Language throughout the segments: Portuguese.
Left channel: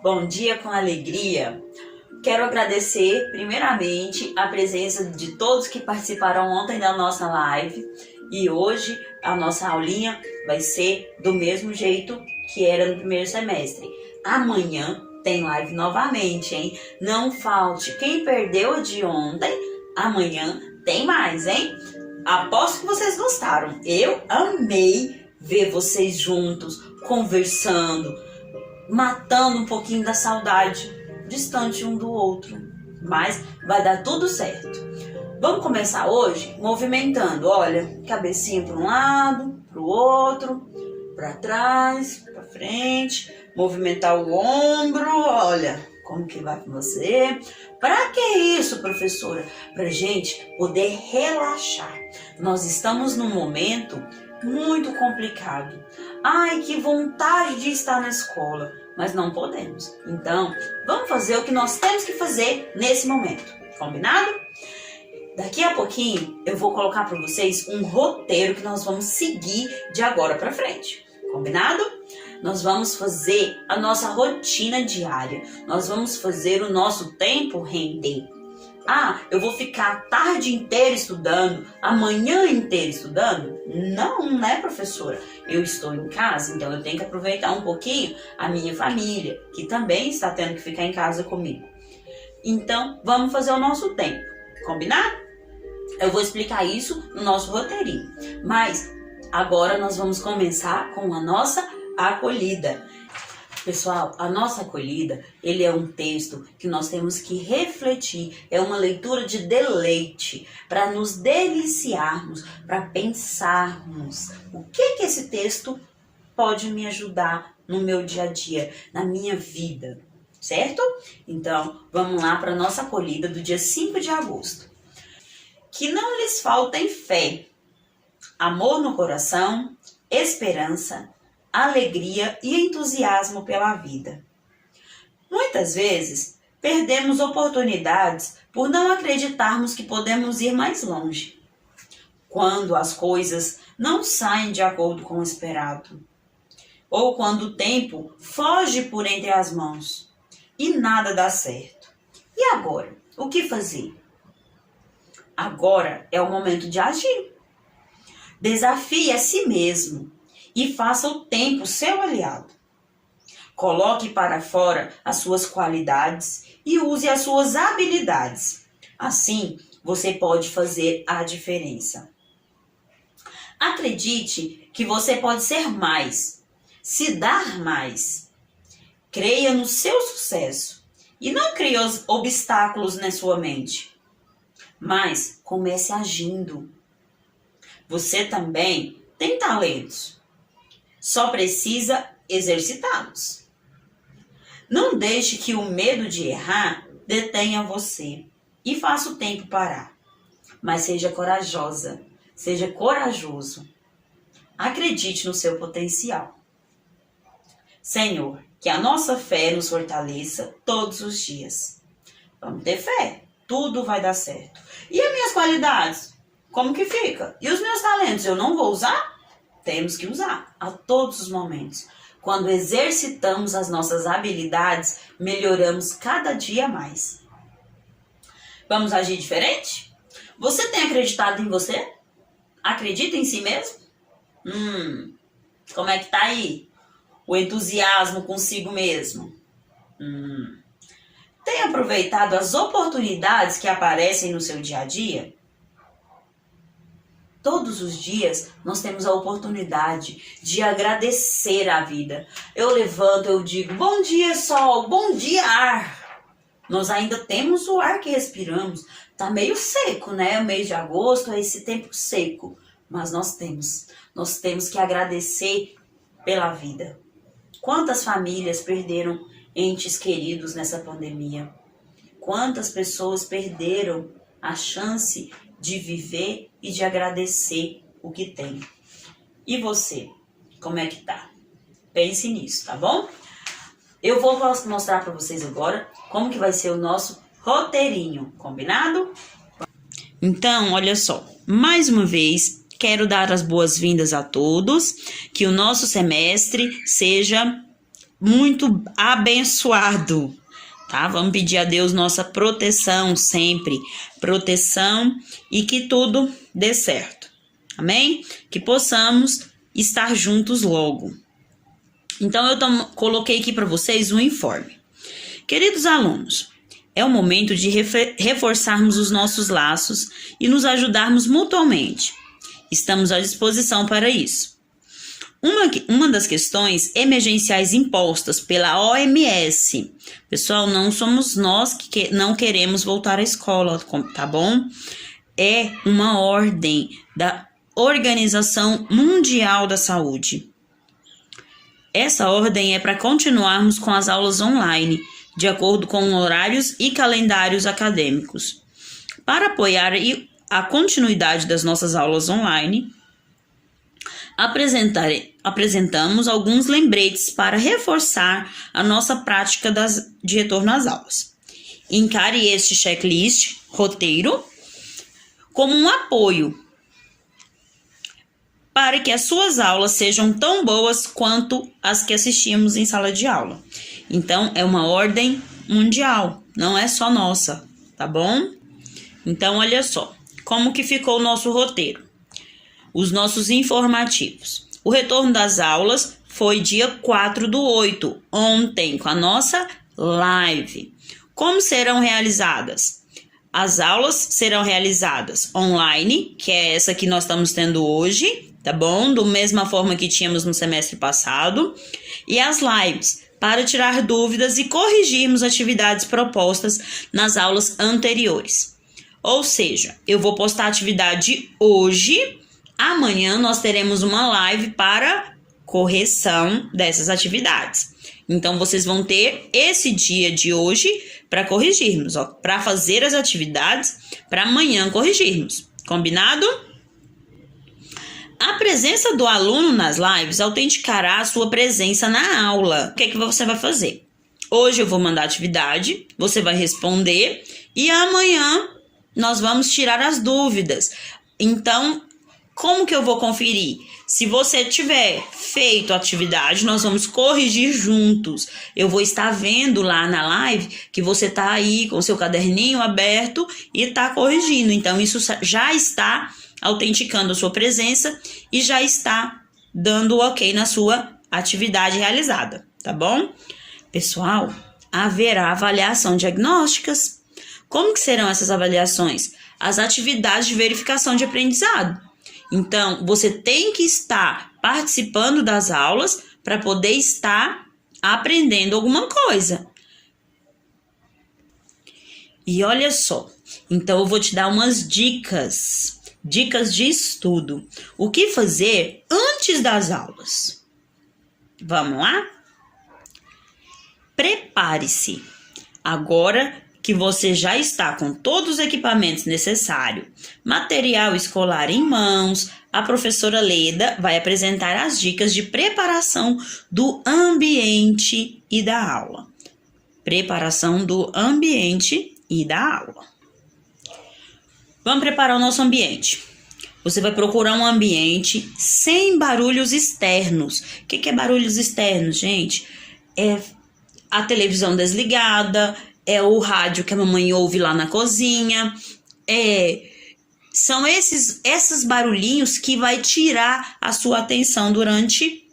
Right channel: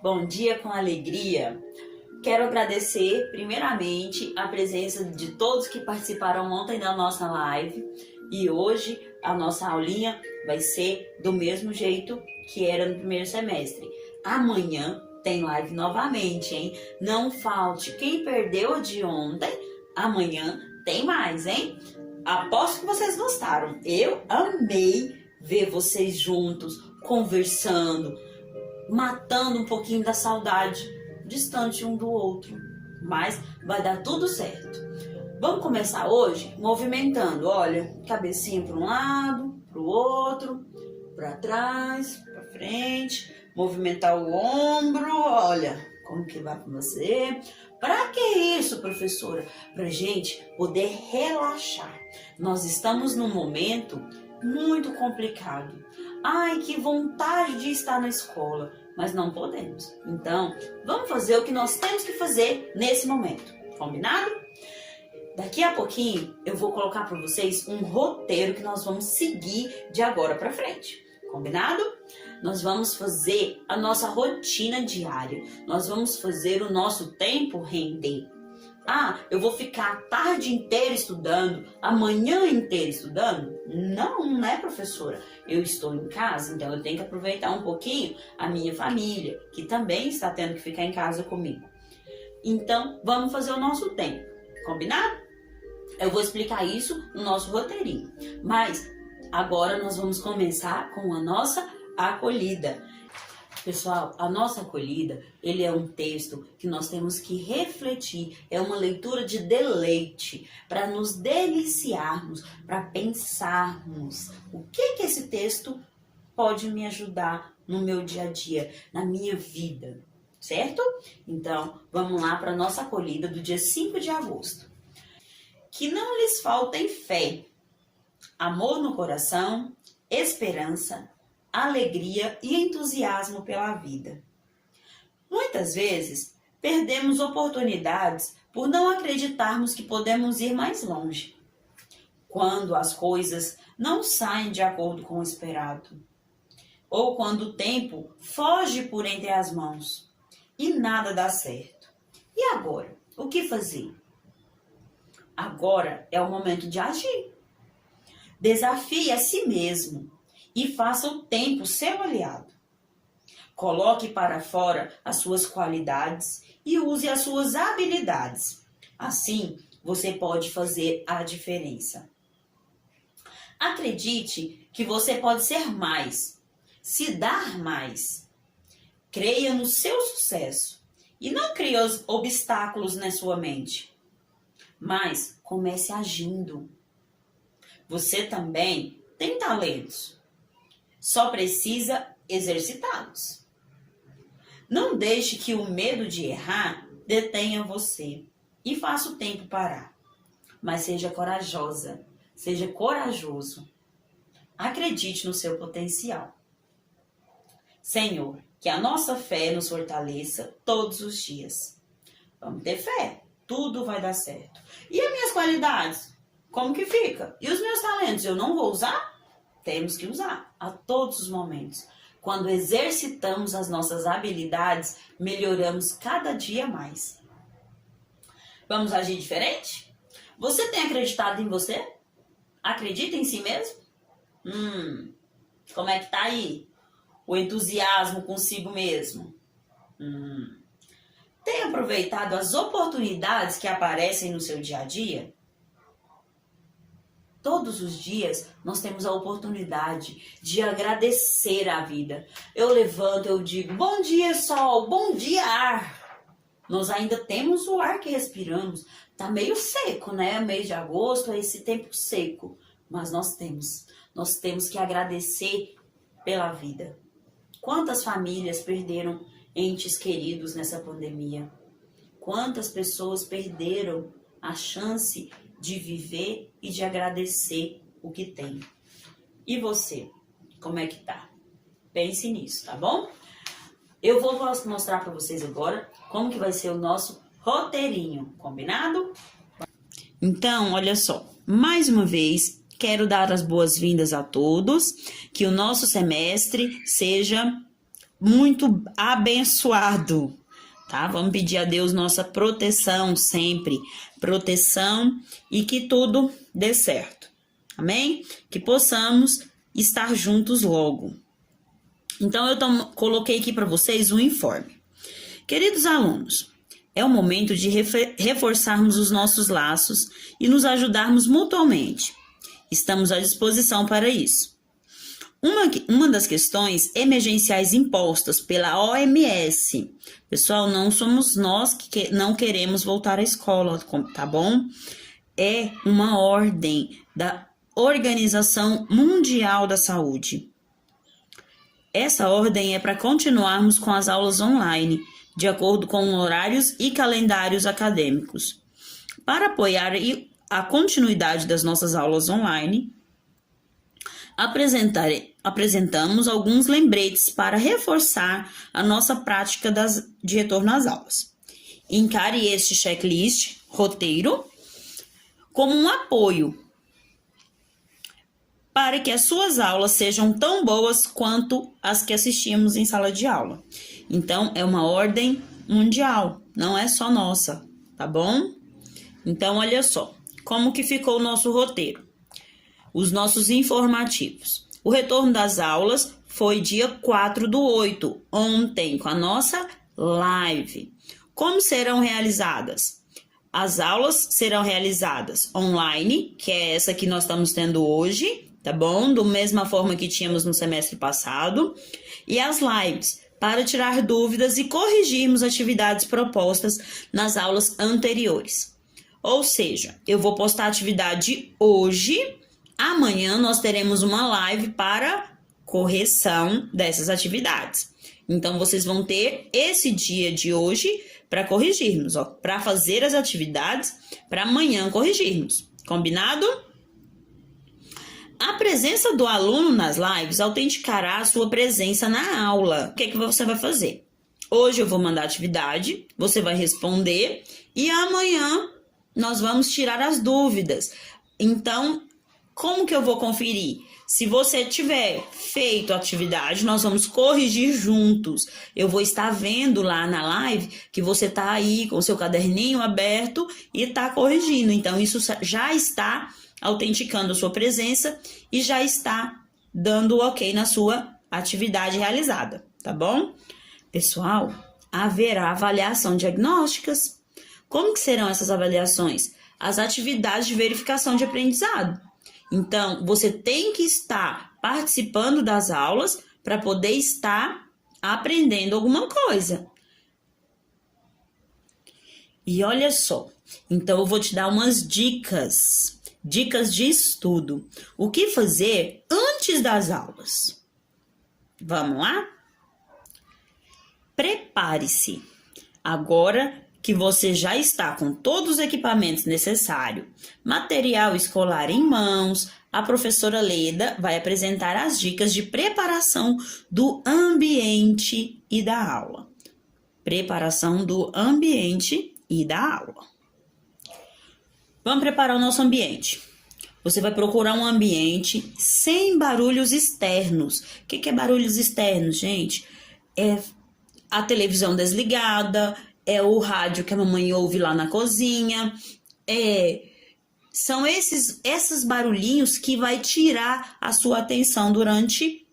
Bom dia com alegria. Quero agradecer primeiramente a presença de todos que participaram ontem da nossa live e hoje a nossa aulinha vai ser do mesmo jeito que era no primeiro semestre. Amanhã tem live novamente, hein? Não falte. Quem perdeu a de ontem, amanhã tem mais, hein? Aposto que vocês gostaram. Eu amei ver vocês juntos, conversando, matando um pouquinho da saudade, distante um do outro. Mas vai dar tudo certo. Vamos começar hoje movimentando, olha, cabecinha para um lado, para o outro, para trás, para frente, movimentar o ombro, olha, como que vai com você? Para que isso, professora? Para gente poder relaxar. Nós estamos num momento muito complicado. Ai, que vontade de estar na escola, mas não podemos. Então, vamos fazer o que nós temos que fazer nesse momento. Combinado? Daqui a pouquinho eu vou colocar para vocês um roteiro que nós vamos seguir de agora para frente. Combinado? Nós vamos fazer a nossa rotina diária. Nós vamos fazer o nosso tempo render. Ah, eu vou ficar a tarde inteira estudando, a manhã inteira estudando? Não, né, professora? Eu estou em casa, então eu tenho que aproveitar um pouquinho a minha família, que também está tendo que ficar em casa comigo. Então, vamos fazer o nosso tempo. Combinado? Eu vou explicar isso no nosso roteirinho. Mas agora nós vamos começar com a nossa acolhida. Pessoal, a nossa acolhida, ele é um texto que nós temos que refletir, é uma leitura de deleite, para nos deliciarmos, para pensarmos o que esse texto pode me ajudar no meu dia a dia, na minha vida, certo? Então, vamos lá para a nossa acolhida do dia 5 de agosto. Que não lhes faltem fé, amor no coração, esperança, alegria e entusiasmo pela vida. Muitas vezes, perdemos oportunidades por não acreditarmos que podemos ir mais longe. Quando as coisas não saem de acordo com o esperado, ou quando o tempo foge por entre as mãos e nada dá certo. E agora? O que fazer? Agora é o momento de agir. Desafie a si mesmo e faça o tempo seu aliado. Coloque para fora as suas qualidades e use as suas habilidades. Assim, você pode fazer a diferença. Acredite que você pode ser mais, se dar mais. Creia no seu sucesso e não crie obstáculos na sua mente. Mas comece agindo. Você também tem talentos. Só precisa exercitá-los. Não deixe que o medo de errar detenha você e faça o tempo parar. Mas seja corajosa, seja corajoso. Acredite no seu potencial. Senhor, que a nossa fé nos fortaleça todos os dias. Vamos ter fé, tudo vai dar certo. E as minhas qualidades? Como que fica? E os meus talentos, eu não vou usar? Temos que usar a todos os momentos. Quando exercitamos as nossas habilidades, melhoramos cada dia mais. Vamos agir diferente? Você tem acreditado em você? Acredita em si mesmo? Como é que tá aí? O entusiasmo consigo mesmo? Tem aproveitado as oportunidades que aparecem no seu dia a dia? Todos os dias nós temos a oportunidade de agradecer a vida. Eu levanto, eu digo, bom dia sol, bom dia ar. Nós ainda temos o ar que respiramos. Tá meio seco, né? O mês de agosto é esse tempo seco. Mas nós temos que agradecer pela vida. Quantas famílias perderam entes queridos nessa pandemia? Quantas pessoas perderam a chance de viver e de agradecer o que tem. E você, como é que tá? Pense nisso, tá bom? Eu vou mostrar para vocês agora como que vai ser o nosso roteirinho, combinado? Então, olha só, mais uma vez, quero dar as boas-vindas a todos, que o nosso semestre seja muito abençoado, tá? Vamos pedir a Deus nossa proteção sempre, proteção e que tudo dê certo, amém? Que possamos estar juntos logo. Então, eu coloquei aqui para vocês um informe. Queridos alunos, é o momento de reforçarmos os nossos laços e nos mutuamente. Estamos à disposição para isso. Uma das questões emergenciais impostas pela OMS, pessoal, não somos nós que não queremos voltar à escola, tá bom? É uma ordem da Organização Mundial da Saúde. Essa ordem é para continuarmos com as aulas online, de acordo com horários e calendários acadêmicos. Para apoiar a continuidade das nossas aulas online, apresentamos alguns lembretes para reforçar a nossa prática de retorno às aulas. Encare este checklist, roteiro, como um apoio para que as suas aulas sejam tão boas quanto as que assistimos em sala de aula. Então, é uma ordem mundial, não é só nossa, tá bom? Então, olha só, como que ficou o nosso roteiro. Os nossos informativos. O retorno das aulas foi dia 4/8, ontem, com a nossa live. Como serão realizadas? As aulas serão realizadas online, que é essa que nós estamos tendo hoje, tá bom? Da mesma forma que tínhamos no semestre passado. E as lives, para tirar dúvidas e corrigirmos atividades propostas nas aulas anteriores. Ou seja, eu vou postar a atividade hoje, amanhã nós teremos uma live para correção dessas atividades. Então, vocês vão ter esse dia de hoje para corrigirmos, para fazer as atividades, para amanhã corrigirmos. Combinado? A presença do aluno nas lives autenticará a sua presença na aula. O que é que você vai fazer? Hoje eu vou mandar atividade, você vai responder e amanhã nós vamos tirar as dúvidas. Então, como que eu vou conferir? Se você tiver feito a atividade, nós vamos corrigir juntos. Eu vou estar vendo lá na live que você está aí com o seu caderninho aberto e está corrigindo. Então, isso já está autenticando a sua presença e já está dando o ok na sua atividade realizada, tá bom? Pessoal, haverá avaliação diagnósticas. Como que serão essas avaliações? As atividades de verificação de aprendizado. Então, você tem que estar participando das aulas para poder estar aprendendo alguma coisa. E olha só, então eu vou te dar umas dicas de estudo. O que fazer antes das aulas? Vamos lá? Prepare-se. Agora que você já está com todos os equipamentos necessários, material escolar em mãos, a professora Leda vai apresentar as dicas de preparação do ambiente e da aula. Preparação do ambiente e da aula. Vamos preparar o nosso ambiente. Você vai procurar um ambiente sem barulhos externos. O que é barulhos externos, gente? É a televisão desligada, é o rádio que a mamãe ouve lá na cozinha, são esses barulhinhos que vai tirar a sua atenção durante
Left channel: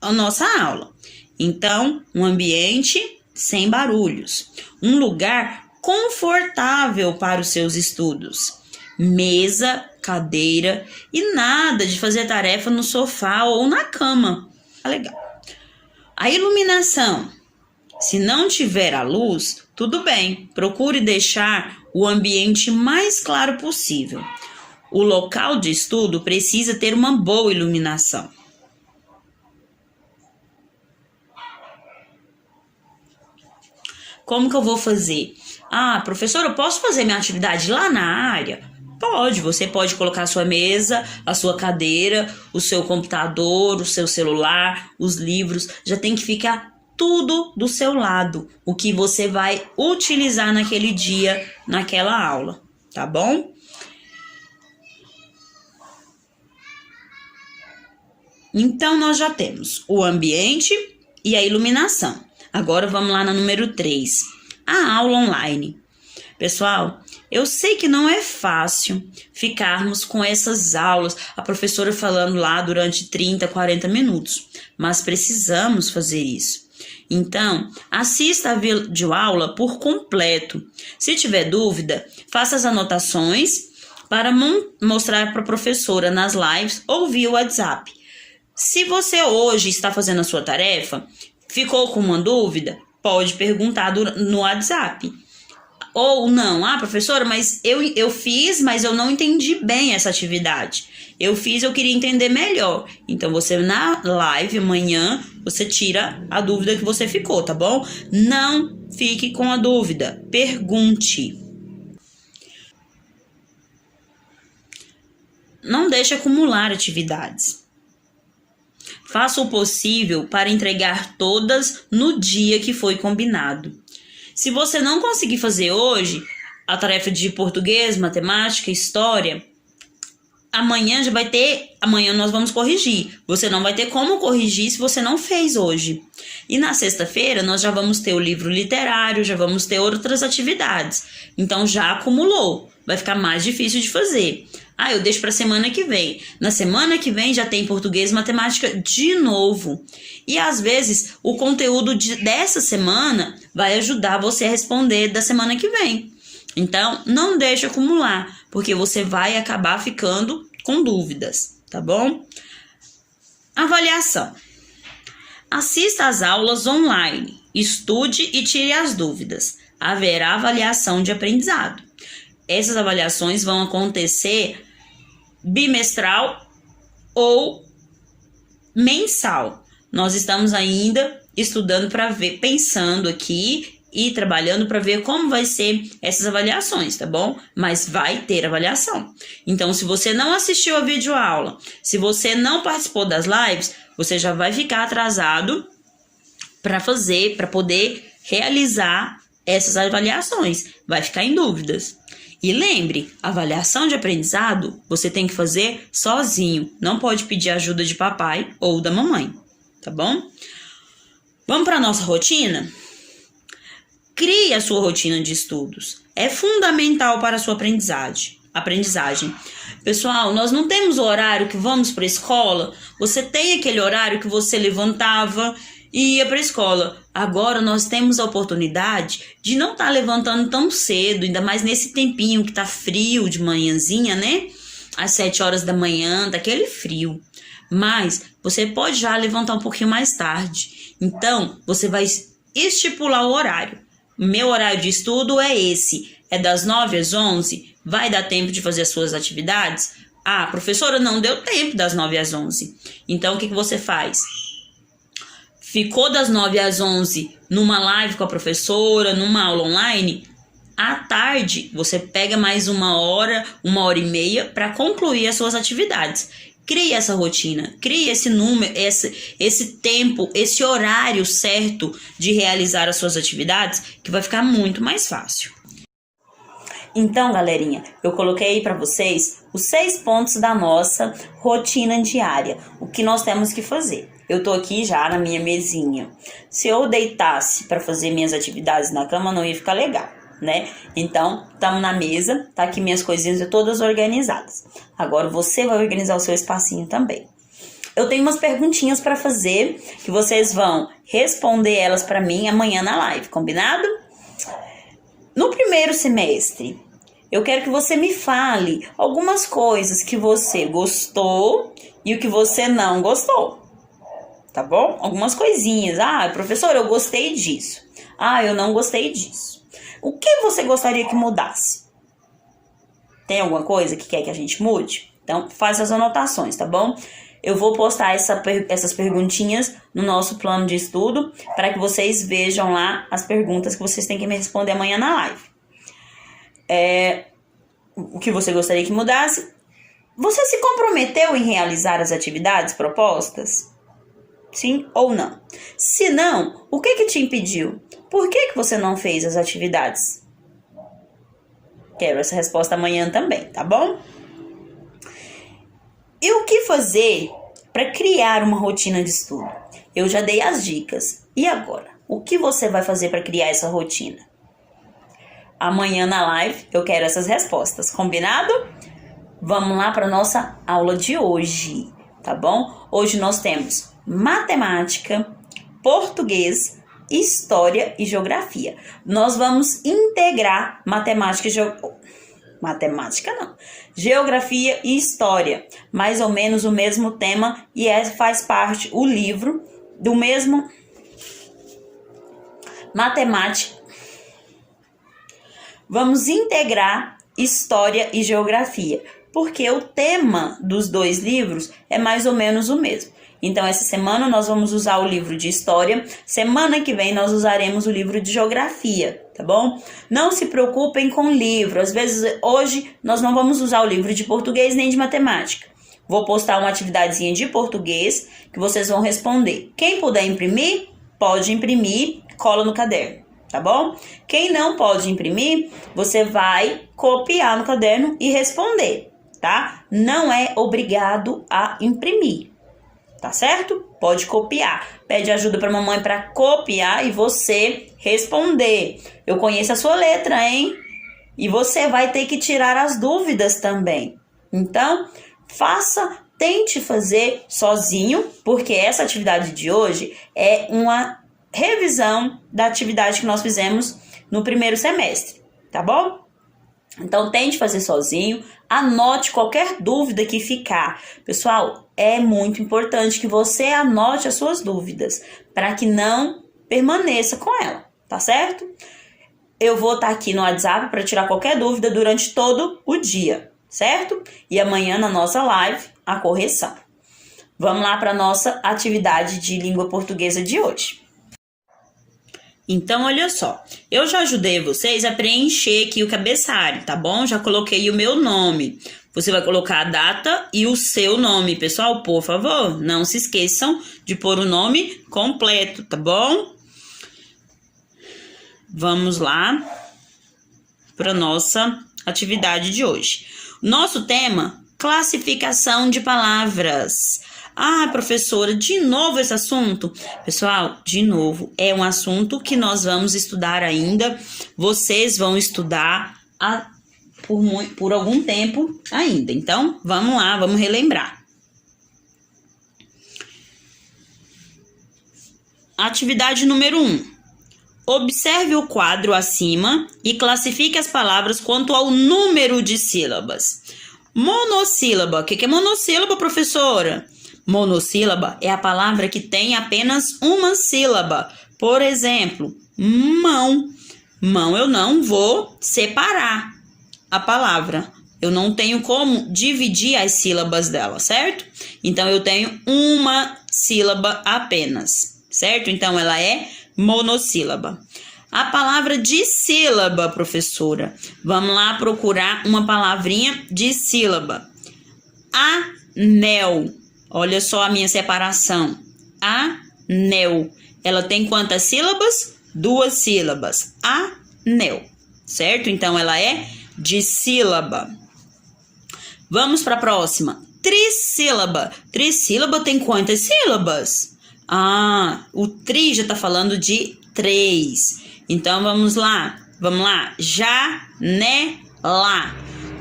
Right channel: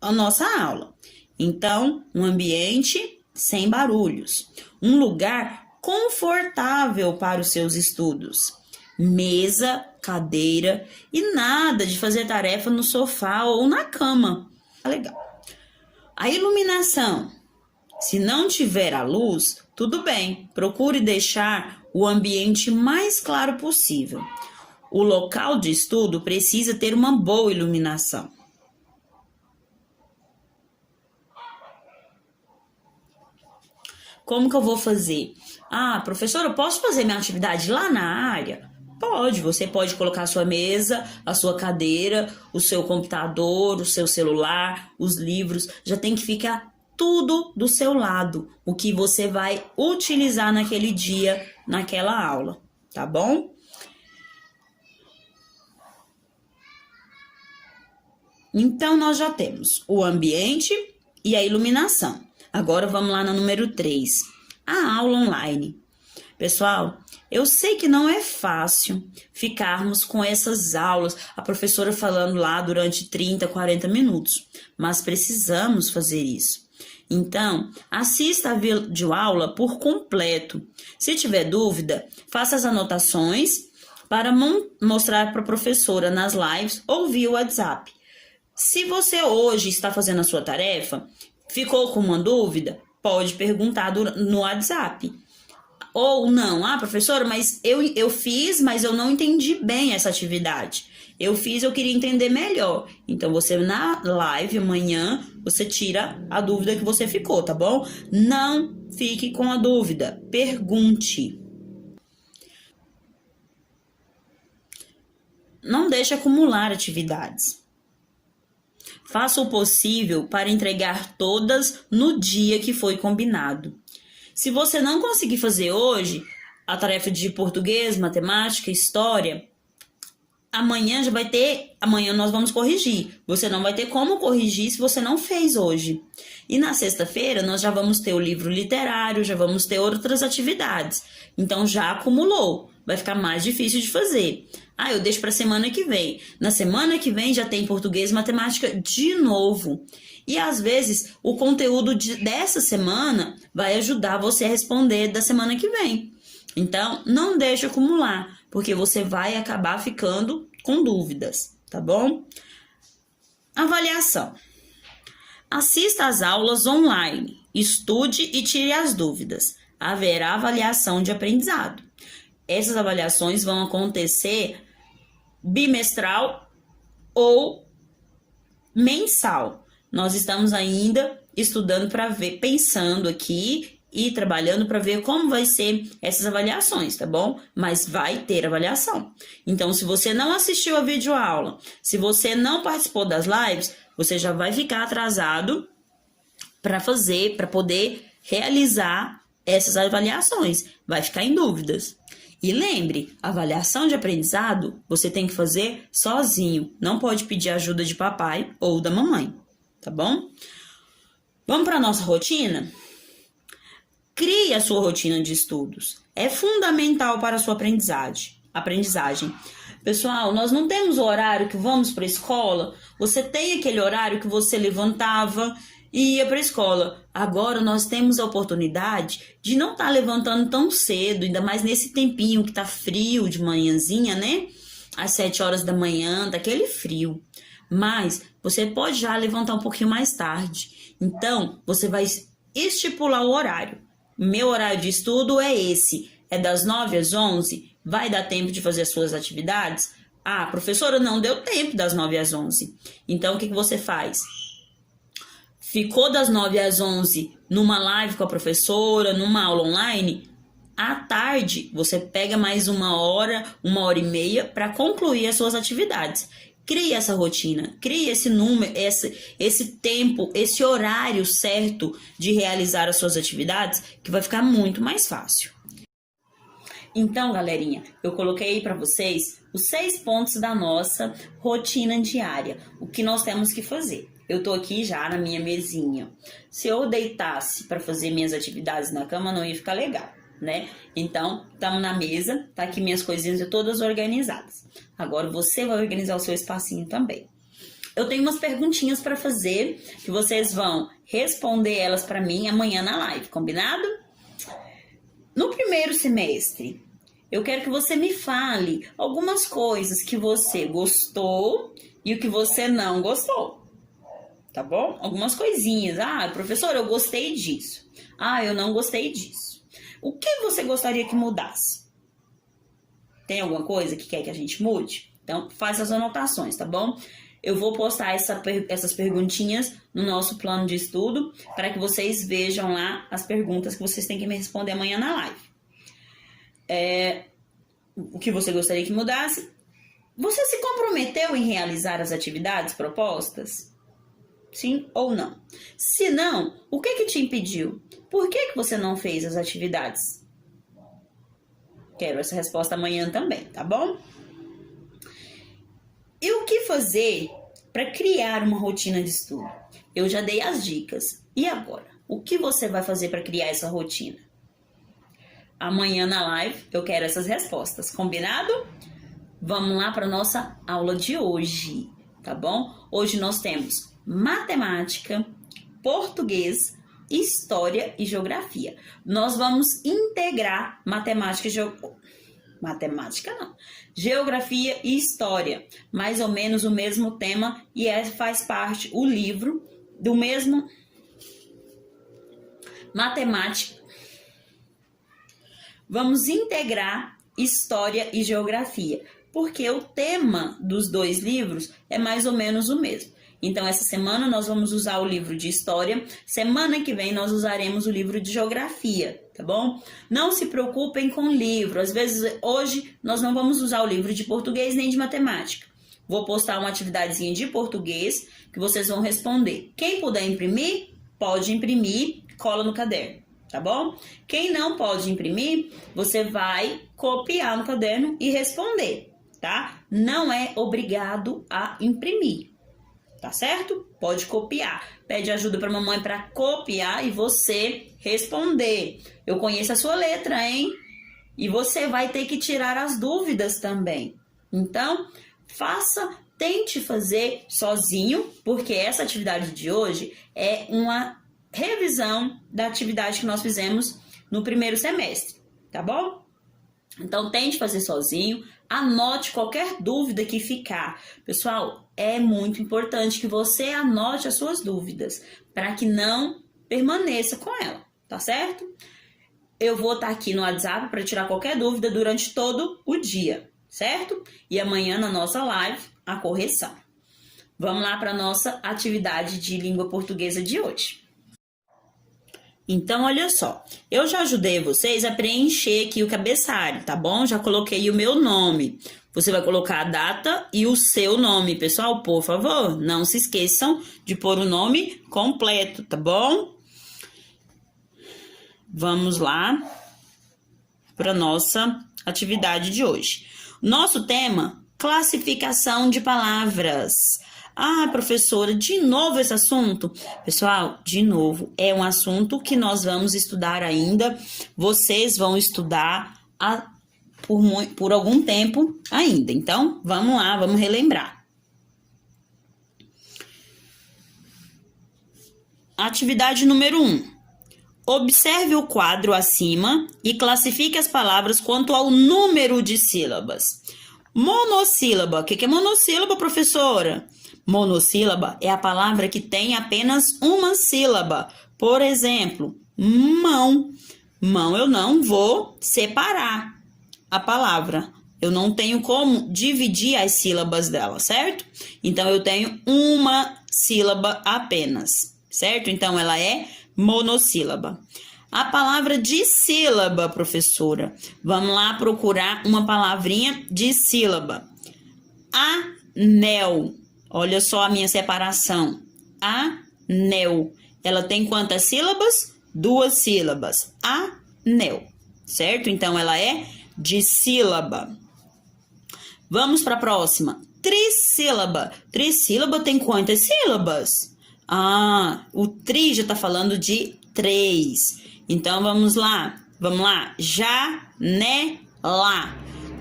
a nossa aula. Então, um ambiente sem barulhos, um lugar confortável para os seus estudos, mesa, cadeira e nada de fazer tarefa no sofá ou na cama. Legal. A iluminação. Se não tiver a luz, tudo bem, procure deixar o ambiente mais claro possível. O local de estudo precisa ter uma boa iluminação. Como que eu vou fazer? Professor, eu posso fazer minha atividade lá na área? Pode, você pode colocar a sua mesa, a sua cadeira, o seu computador, o seu celular, os livros, já tem que ficar tudo do seu lado, o que você vai utilizar naquele dia, naquela aula, tá bom? Então, nós já temos o ambiente e a iluminação. Agora vamos lá no número 3, a aula online. Pessoal, eu sei que não é fácil ficarmos com essas aulas, a professora falando lá durante 30, 40 minutos, mas precisamos fazer isso. Então, assista a videoaula por completo. Se tiver dúvida, faça as anotações para mostrar para a professora nas lives ou via WhatsApp. Se você hoje está fazendo a sua tarefa, ficou com uma dúvida, pode perguntar no WhatsApp. Ou não, professora, mas eu fiz, mas eu não entendi bem essa atividade. Eu queria entender melhor. Então, você na live amanhã, você tira a dúvida que você ficou, tá bom? Não fique com a dúvida, pergunte. Não deixe acumular atividades. Faça o possível para entregar todas no dia que foi combinado. Se você não conseguir fazer hoje a tarefa de português, matemática, história, amanhã nós vamos corrigir. Você não vai ter como corrigir se você não fez hoje. E na sexta-feira nós já vamos ter o livro literário, já vamos ter outras atividades. Então já acumulou, vai ficar mais difícil de fazer. Eu deixo para semana que vem. Na semana que vem já tem português e matemática de novo. E às vezes o conteúdo dessa semana vai ajudar você a responder da semana que vem. Então não deixe acumular, porque você vai acabar ficando com dúvidas, tá bom? Avaliação. Assista às aulas online, estude e tire as dúvidas. Haverá avaliação de aprendizado. Essas avaliações vão acontecer bimestral ou mensal. Nós estamos ainda estudando para ver, pensando aqui e trabalhando para ver como vai ser essas avaliações, tá bom? Mas vai ter avaliação. Então, se você não assistiu a videoaula, se você não participou das lives, você já vai ficar atrasado para poder realizar essas avaliações. Vai ficar em dúvidas. E lembre, avaliação de aprendizado você tem que fazer sozinho. Não pode pedir ajuda de papai ou da mamãe, tá bom? Vamos para a nossa rotina? Crie a sua rotina de estudos. É fundamental para a sua aprendizagem. Pessoal, nós não temos o horário que vamos para a escola. Você tem aquele horário que você levantava e ia para a escola. Agora nós temos a oportunidade de não estar levantando tão cedo, ainda mais nesse tempinho que tá frio de manhãzinha, né? Às 7 horas da manhã, tá aquele frio. Mas você pode já levantar um pouquinho mais tarde. Então, você vai estipular o horário. Meu horário de estudo é esse. É das 9 às 11. Vai dar tempo de fazer as suas atividades? Professora, não deu tempo das 9 às 11. Então, o que você faz? Ficou das 9 às 11 numa live com a professora, numa aula online, à tarde você pega mais 1 hora e meia para concluir as suas atividades. Crie essa rotina, crie esse número, esse tempo, esse horário certo de realizar as suas atividades, que vai ficar muito mais fácil. Então, galerinha, eu coloquei aí para vocês os 6 pontos da nossa rotina diária, o que nós temos que fazer. Eu tô aqui já na minha mesinha. Se eu deitasse para fazer minhas atividades na cama, não ia ficar legal, né? Então, estamos na mesa, tá aqui minhas coisinhas todas organizadas. Agora você vai organizar o seu espacinho também. Eu tenho umas perguntinhas para fazer, que vocês vão responder elas para mim amanhã na live, combinado? No primeiro semestre, eu quero que você me fale algumas coisas que você gostou e o que você não gostou. Tá bom? Algumas coisinhas. Professor, eu gostei disso. Eu não gostei disso. O que você gostaria que mudasse? Tem alguma coisa que quer que a gente mude? Então, faz as anotações, tá bom? Eu vou postar essas perguntinhas no nosso plano de estudo para que vocês vejam lá as perguntas que vocês têm que me responder amanhã na live. O que você gostaria que mudasse? Você se comprometeu em realizar as atividades propostas? Sim ou não? Se não, o que te impediu? Por que você não fez as atividades? Quero essa resposta amanhã também, tá bom? E o que fazer para criar uma rotina de estudo? eu já dei as dicas. E agora? O que você vai fazer para criar essa rotina? Amanhã na live eu quero essas respostas, combinado? Vamos lá para nossa aula de hoje, tá bom? Hoje nós temos matemática, português, história e geografia. Nós vamos integrar geografia e história, mais ou menos o mesmo tema, e faz parte o livro do mesmo matemática. Vamos integrar história e geografia, porque o tema dos dois livros é mais ou menos o mesmo. Então, essa semana nós vamos usar o livro de história, semana que vem nós usaremos o livro de geografia, tá bom? Não se preocupem com o livro, às vezes hoje nós não vamos usar o livro de português nem de matemática. Vou postar uma atividadezinha de português que vocês vão responder. Quem puder imprimir, pode imprimir, cola no caderno, tá bom? Quem não pode imprimir, você vai copiar no caderno e responder, tá? Não é obrigado a imprimir, tá certo? Pode copiar. Pede ajuda pra mamãe pra copiar e você responder. Eu conheço a sua letra, hein? E você vai ter que tirar as dúvidas também. Então, tente fazer sozinho, porque essa atividade de hoje é uma revisão da atividade que nós fizemos no primeiro semestre, tá bom? Então, tente fazer sozinho, anote qualquer dúvida que ficar. Pessoal, é muito importante que você anote as suas dúvidas, para que não permaneça com ela, tá certo? Eu vou estar aqui no WhatsApp para tirar qualquer dúvida durante todo o dia, certo? E amanhã na nossa live, a correção. Vamos lá para a nossa atividade de língua portuguesa de hoje. Então, olha só, eu já ajudei vocês a preencher aqui o cabeçalho, tá bom? Já coloquei o meu nome. Você vai colocar a data e o seu nome, pessoal, por favor. Não se esqueçam de pôr o nome completo, tá bom? Vamos lá para nossa atividade de hoje. Nosso tema, classificação de palavras. Ah, professora, de novo esse assunto? Pessoal, de novo, é um assunto que nós vamos estudar ainda. Vocês vão estudar por algum tempo ainda. Então, vamos lá, vamos relembrar. Atividade número 1. Observe o quadro acima e classifique as palavras quanto ao número de sílabas. Monossílaba. O que é monossílaba, professora? Monossílaba é a palavra que tem apenas uma sílaba. Por exemplo, mão. Mão eu não vou separar a palavra. Eu não tenho como dividir as sílabas dela, certo? Então, eu tenho uma sílaba apenas, certo? Então, ela é monossílaba. A palavra de sílaba, professora. Vamos lá procurar uma palavrinha de sílaba. Anel. Olha só a minha separação. Anel. Ela tem quantas sílabas? 2 sílabas. Anel. Certo? Então, ela é dissílaba. Vamos para a próxima. Trissílaba. Trissílaba tem quantas sílabas? Ah, o tri já está falando de 3. Então, vamos lá. Vamos lá. Janela.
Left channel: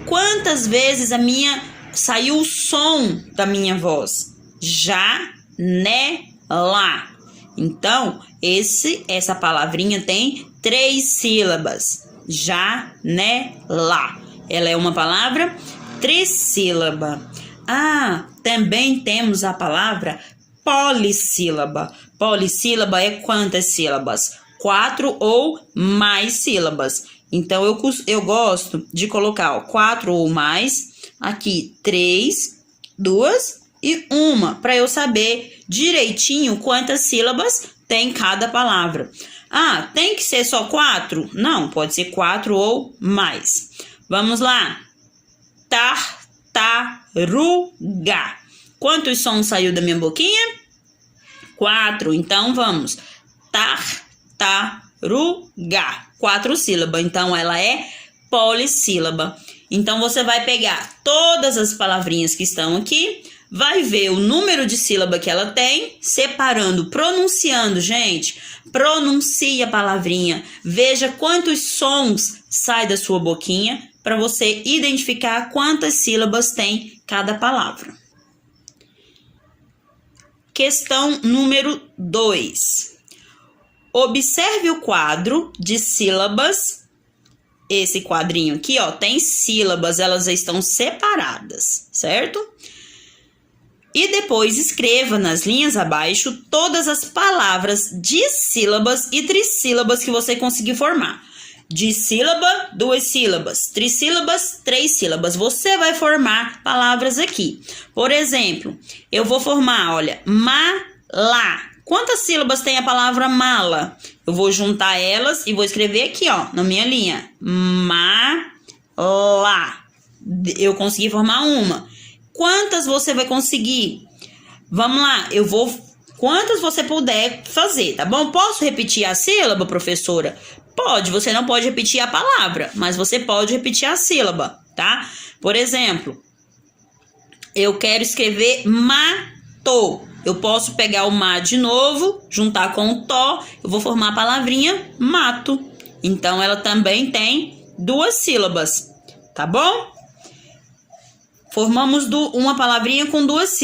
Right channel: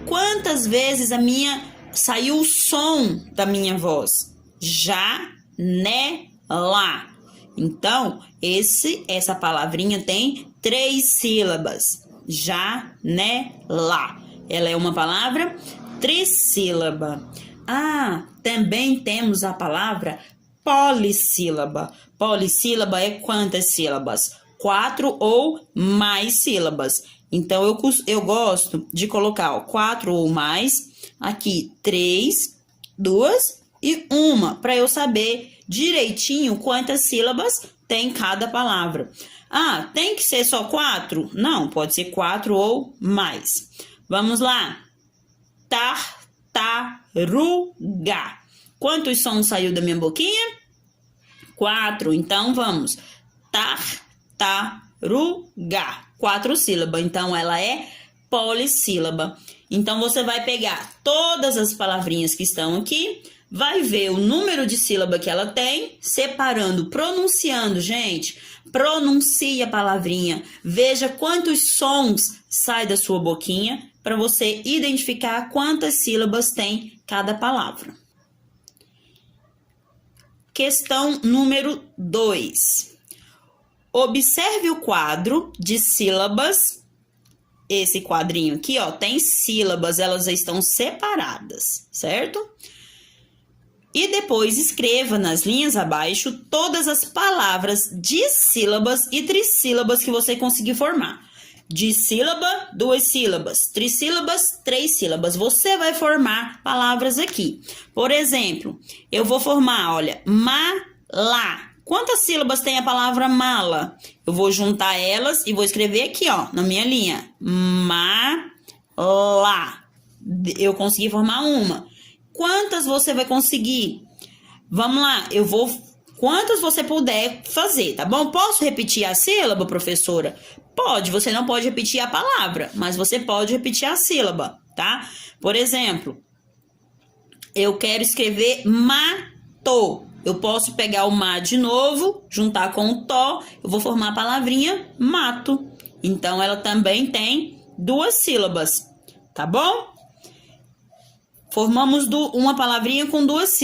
Quantas vezes saiu o som da minha voz? Janela. Então, essa palavrinha tem 3 sílabas. Janela. Ela é uma palavra trissílaba. Ah, também temos a palavra polissílaba. Polissílaba é quantas sílabas? 4 ou mais sílabas. Então, eu gosto de colocar 4 ou mais, aqui 3, 2 e 1, para eu saber direitinho quantas sílabas tem cada palavra. Ah, tem que ser só 4? Não, pode ser 4 ou mais. Vamos lá. Tartaruga. Quantos sons saiu da minha boquinha? 4. Então, vamos. Tartaruga. 4 sílabas. Então, ela é polissílaba. Então, você vai pegar todas as palavrinhas que estão aqui, vai ver o número de sílaba que ela tem, separando, pronunciando, gente. Pronuncie a palavrinha. Veja quantos sons saem da sua boquinha para você identificar quantas sílabas tem cada palavra. Questão número 2. Observe o quadro de sílabas. Esse quadrinho aqui, ó, tem sílabas, elas estão separadas, certo? E depois escreva nas linhas abaixo todas as palavras dissílabas e trissílabas que você conseguir formar. Dissílaba, 2 sílabas. Trissílabas, 3 sílabas. Você vai formar palavras aqui. Por exemplo, eu vou formar, olha, mala. Quantas sílabas tem a palavra mala? Eu vou juntar elas e vou escrever aqui, ó, na minha linha. Mala. Eu consegui formar uma. Quantas você vai conseguir? Vamos lá, quantas você puder fazer, tá bom? Posso repetir a sílaba, professora? Pode, você não pode repetir a palavra, mas você pode repetir a sílaba, tá? Por exemplo, eu quero escrever mato. Eu posso pegar o ma de novo, juntar com o to, eu vou formar a palavrinha mato. Então, ela também tem 2 sílabas, tá bom? Formamos uma palavrinha com duas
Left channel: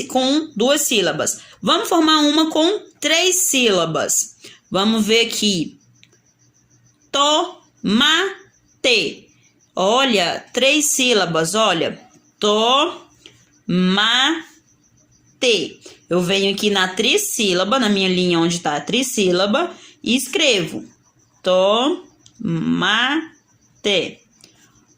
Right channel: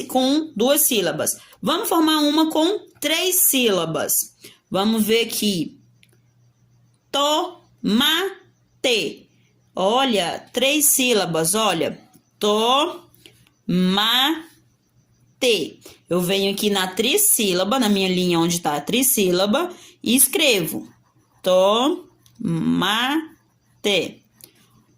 sílabas. Vamos formar uma com 3 sílabas. Vamos ver aqui. Tomate. Olha, 3 sílabas, olha. Tomate. Eu venho aqui na trissílaba, na minha linha onde está a trissílaba, e escrevo. Tomate.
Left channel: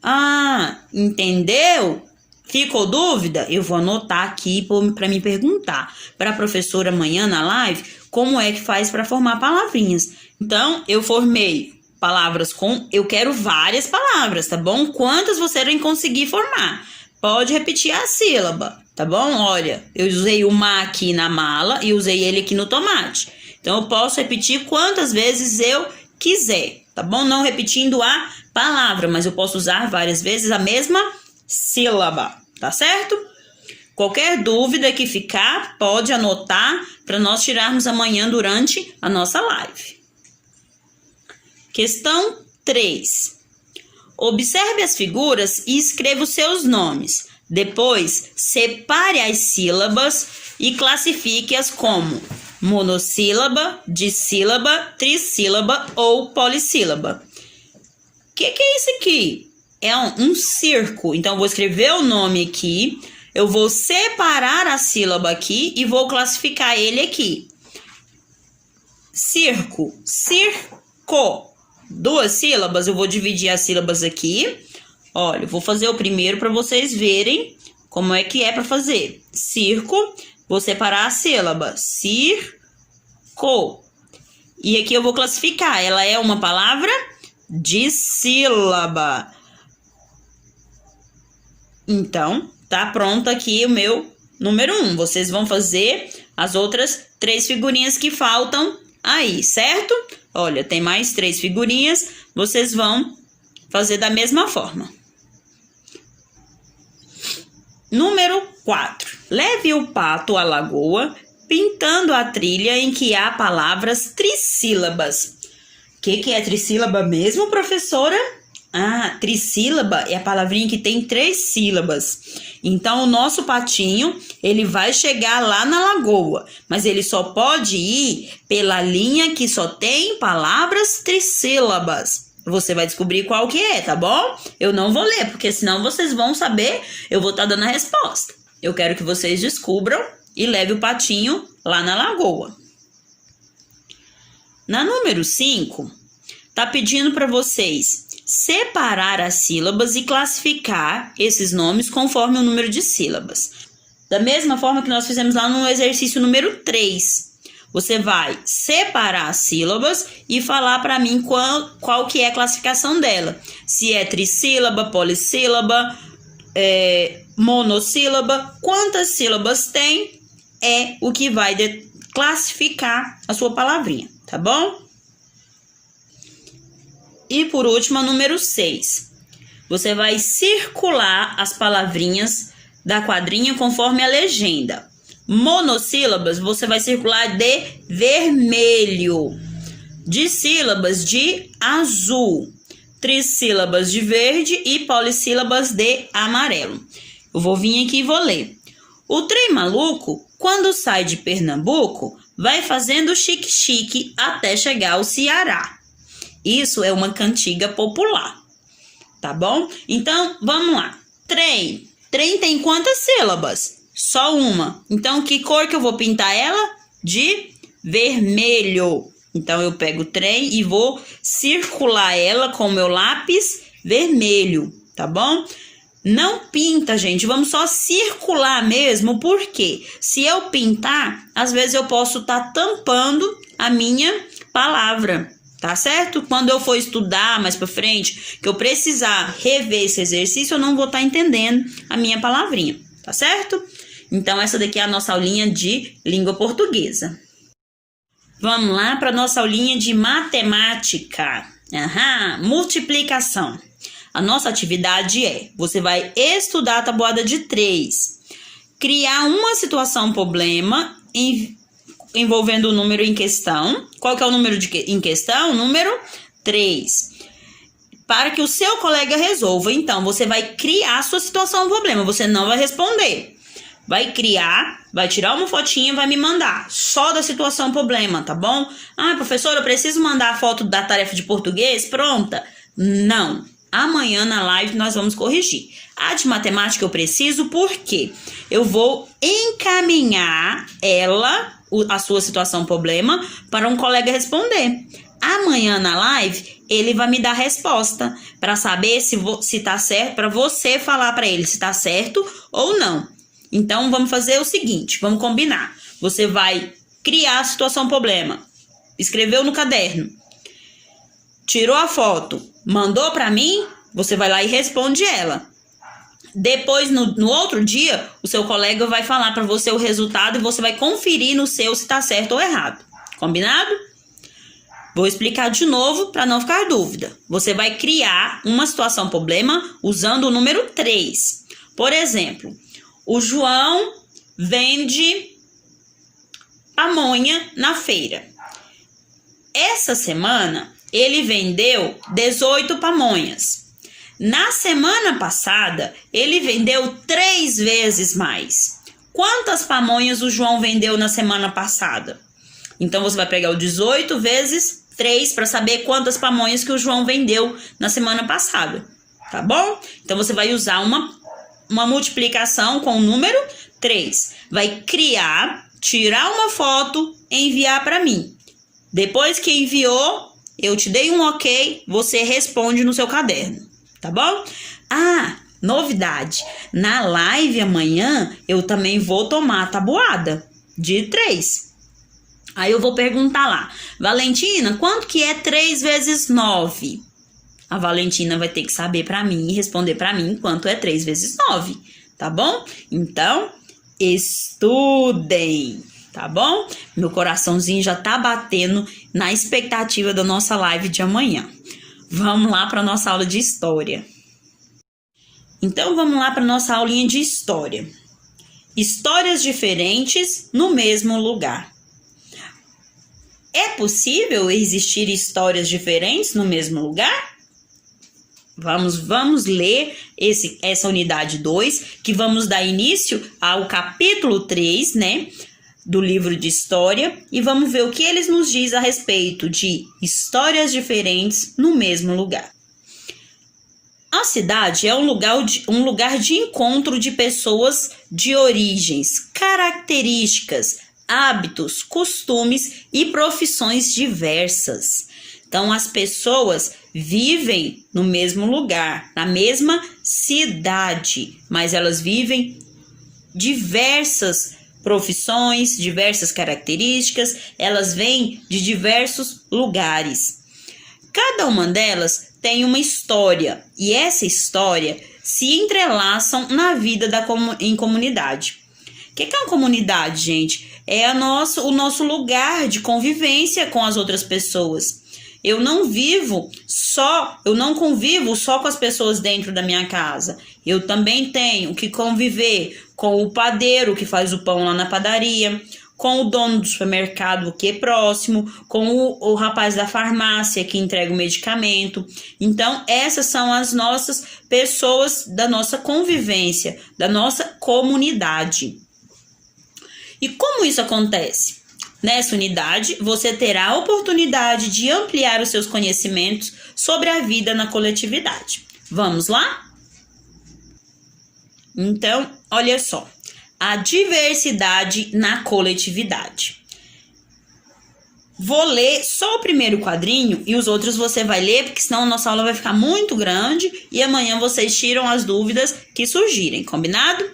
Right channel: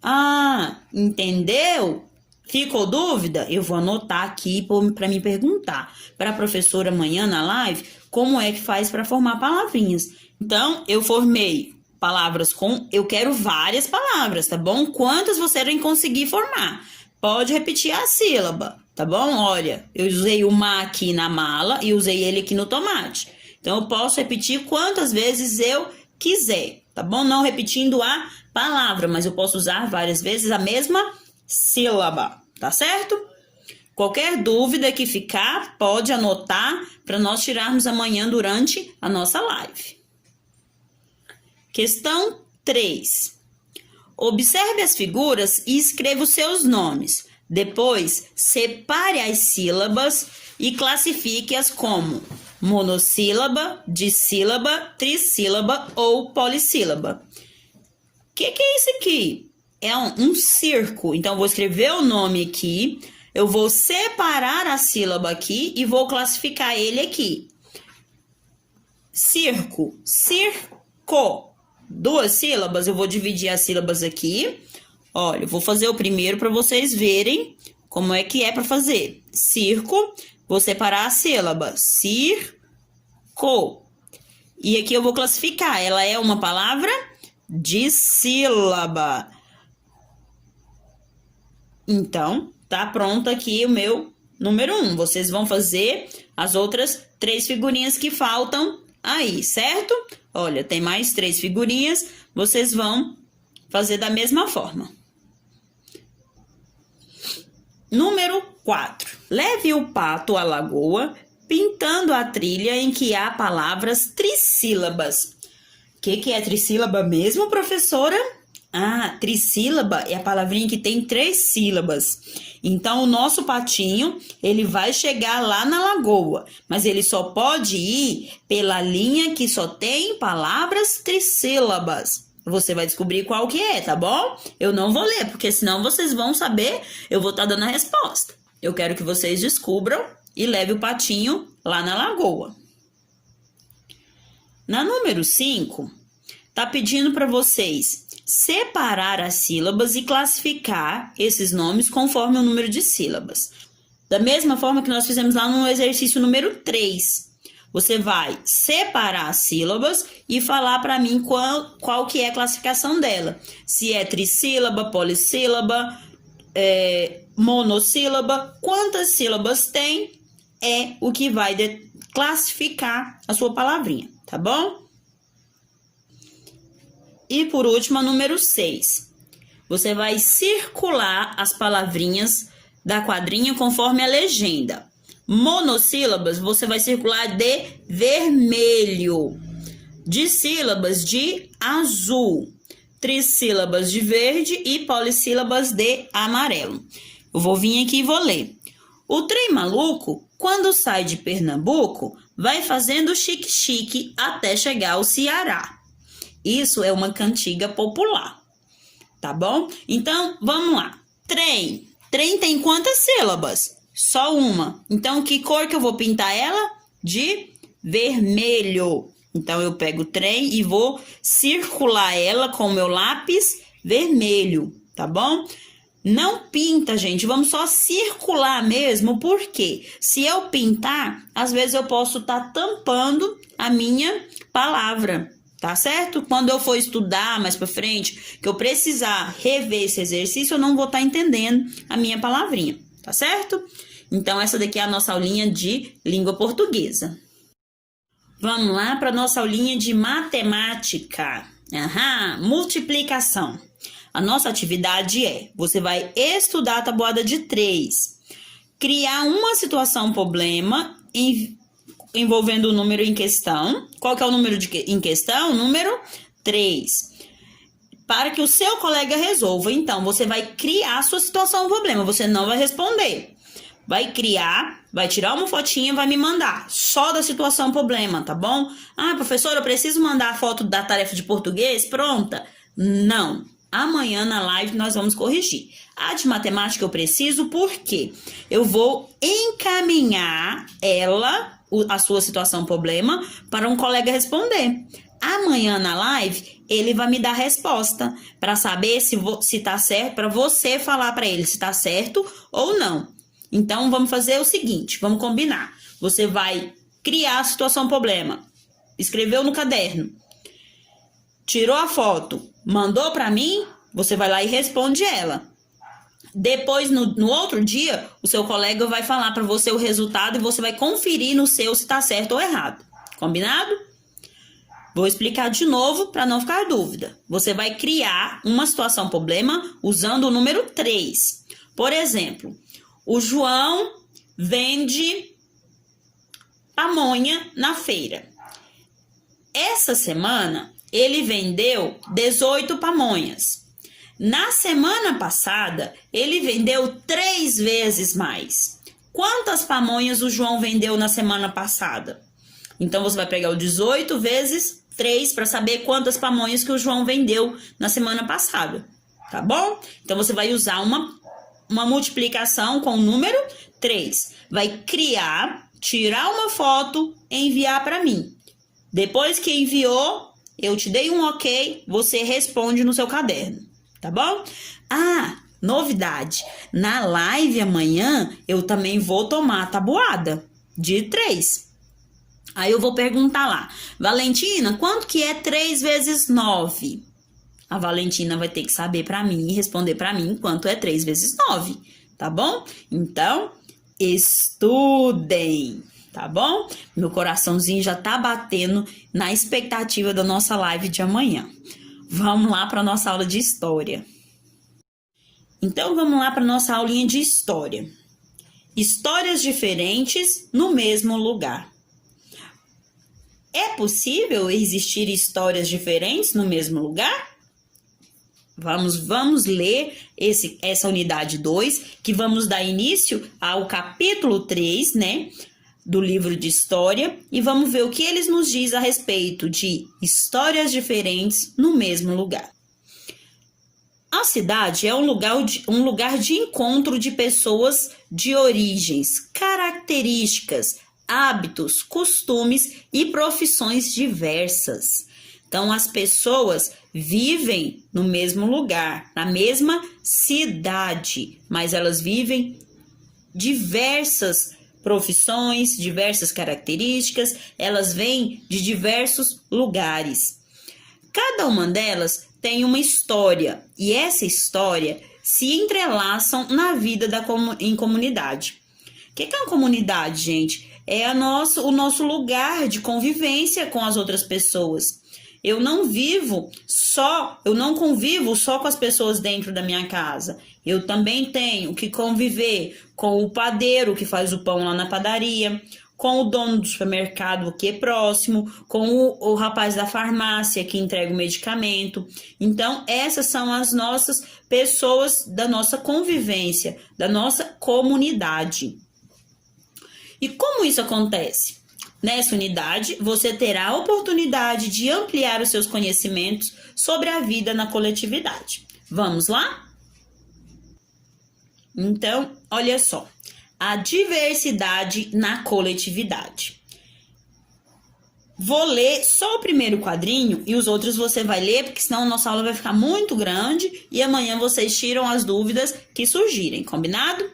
Ah, entendeu? Ficou dúvida? Eu vou anotar aqui para me perguntar para a professora amanhã na live como é que faz para formar palavrinhas. Então, eu formei palavras com... Eu quero várias palavras, tá bom? Quantas você não conseguir formar? Pode repetir a sílaba, tá bom? Olha, eu usei o ma aqui na mala e usei ele aqui no tomate. Então, eu posso repetir quantas vezes eu quiser, tá bom? Não repetindo a palavra, mas eu posso usar várias vezes a mesma sílaba, tá certo? Qualquer dúvida que ficar, pode anotar para nós tirarmos amanhã durante a nossa live. Questão 3. Observe as figuras e escreva os seus nomes. Depois, separe as sílabas e classifique-as como monossílaba, dissílaba, trissílaba ou polissílaba. O que é isso aqui? É um circo. Então, eu vou escrever o nome aqui, eu vou separar a sílaba aqui e vou classificar ele aqui. Circo, circo. 2 sílabas, eu vou dividir as sílabas aqui. Olha, eu vou fazer o primeiro para vocês verem como é que é para fazer. Circo, vou separar a sílaba. Circo. E aqui eu vou classificar. Ela é uma palavra dissílaba. Então, tá pronto aqui o meu número 1. Vocês vão fazer as outras 3 figurinhas que faltam aí, certo? Olha, tem mais 3 figurinhas, vocês vão fazer da mesma forma. Número 4. Leve o pato à lagoa, pintando a trilha em que há palavras trissílabas. O que é trissílaba mesmo, professora? Ah, trissílaba é a palavrinha que tem 3 sílabas. Então, o nosso patinho, ele vai chegar lá na lagoa, mas ele só pode ir pela linha que só tem palavras trissílabas. Você vai descobrir qual que é, tá bom? Eu não vou ler, porque senão vocês vão saber, eu vou estar dando a resposta. Eu quero que vocês descubram e levem o patinho lá na lagoa. Na número 5, tá pedindo para vocês separar as sílabas e classificar esses nomes conforme o número de sílabas. Da mesma forma que nós fizemos lá no exercício número 3. Você vai separar as sílabas e falar para mim qual que é a classificação dela. Se é trissílaba, polissílaba, monossílaba, quantas sílabas tem é o que vai classificar a sua palavrinha, tá bom? E por último, a número 6. Você vai circular as palavrinhas da quadrinha conforme a legenda. Monossílabas, você vai circular de vermelho. Dissílabas, de azul. Trissílabas, de verde. E polissílabas, de amarelo. Eu vou vir aqui e vou ler. O trem maluco, quando sai de Pernambuco, vai fazendo chique-chique até chegar ao Ceará. Isso é uma cantiga popular, tá bom? Então, vamos lá. Trem. Trem tem quantas sílabas? Só uma. Então, que cor que eu vou pintar ela? De vermelho. Então, eu pego o trem e vou circular ela com o meu lápis vermelho, tá bom? Não pinta, gente. Vamos só circular mesmo, porque se eu pintar, às vezes eu posso estar tampando a minha palavra. Tá certo? Quando eu for estudar mais pra frente, que eu precisar rever esse exercício, eu não vou estar entendendo a minha palavrinha, tá certo? Então, essa daqui é a nossa aulinha de língua portuguesa. Vamos lá para a nossa aulinha de matemática. Multiplicação. A nossa atividade é, você vai estudar a tabuada de 3, criar uma situação problema envolvendo o número em questão. Qual que é o número em questão? O número 3. Para que o seu colega resolva. Então, você vai criar a sua situação problema. Você não vai responder. Vai criar, vai tirar uma fotinha e vai me mandar. Só da situação problema, tá bom? Ah, professora, eu preciso mandar a foto da tarefa de português pronta? Não. Amanhã na live nós vamos corrigir. A de matemática eu preciso porque eu vou encaminhar a sua situação problema, para um colega responder. Amanhã na live, ele vai me dar a resposta para saber se tá certo, para você falar para ele se tá certo ou não. Então, vamos fazer o seguinte, vamos combinar. Você vai criar a situação problema, escreveu no caderno, tirou a foto, mandou para mim, você vai lá e responde ela. Depois, no outro dia, o seu colega vai falar para você o resultado e você vai conferir no seu se está certo ou errado. Combinado? Vou explicar de novo para não ficar dúvida. Você vai criar uma situação problema usando o número 3. Por exemplo, o João vende pamonha na feira. Essa semana, ele vendeu 18 pamonhas. Na semana passada, ele vendeu 3 vezes mais. Quantas pamonhas o João vendeu na semana passada? Então, você vai pegar o 18 vezes 3 para saber quantas pamonhas que o João vendeu na semana passada. Tá bom? Então, você vai usar uma multiplicação com o número 3. Vai criar, tirar uma foto e enviar para mim. Depois que enviou, eu te dei um ok, você responde no seu caderno. Tá bom? Ah, novidade. Na live amanhã, eu também vou tomar a tabuada de 3. Aí eu vou perguntar lá. Valentina, quanto que é 3 vezes 9? A Valentina vai ter que saber para mim e responder para mim quanto é 3 vezes 9. Tá bom? Então, estudem. Tá bom? Meu coraçãozinho já tá batendo na expectativa da nossa live de amanhã. Vamos lá para a nossa aula de história. Então, vamos lá para a nossa aulinha de história. Histórias diferentes no mesmo lugar. É possível existir histórias diferentes no mesmo lugar? Vamos ler essa unidade 2, que vamos dar início ao capítulo 3, né? Do livro de história, e vamos ver o que eles nos diz a respeito de histórias diferentes no mesmo lugar. A cidade é um lugar de encontro de pessoas de origens, características, hábitos, costumes e profissões diversas. Então, as pessoas vivem no mesmo lugar, na mesma cidade, mas elas vivem diversas profissões, diversas características, elas vêm de diversos lugares. Cada uma delas tem uma história, e essa história se entrelaçam na vida em comunidade. O que é uma comunidade, gente? É o nosso lugar de convivência com as outras pessoas. eu não convivo só com as pessoas dentro da minha casa. Eu também tenho que conviver com o padeiro que faz o pão lá na padaria, com o dono do supermercado que é próximo, com o rapaz da farmácia que entrega o medicamento. Então, essas são as nossas pessoas da nossa convivência, da nossa comunidade. E como isso acontece? Nessa unidade, você terá a oportunidade de ampliar os seus conhecimentos sobre a vida na coletividade. Vamos lá? Então, olha só. A diversidade na coletividade. Vou ler só o primeiro quadrinho e os outros você vai ler, porque senão a nossa aula vai ficar muito grande e amanhã vocês tiram as dúvidas que surgirem, combinado?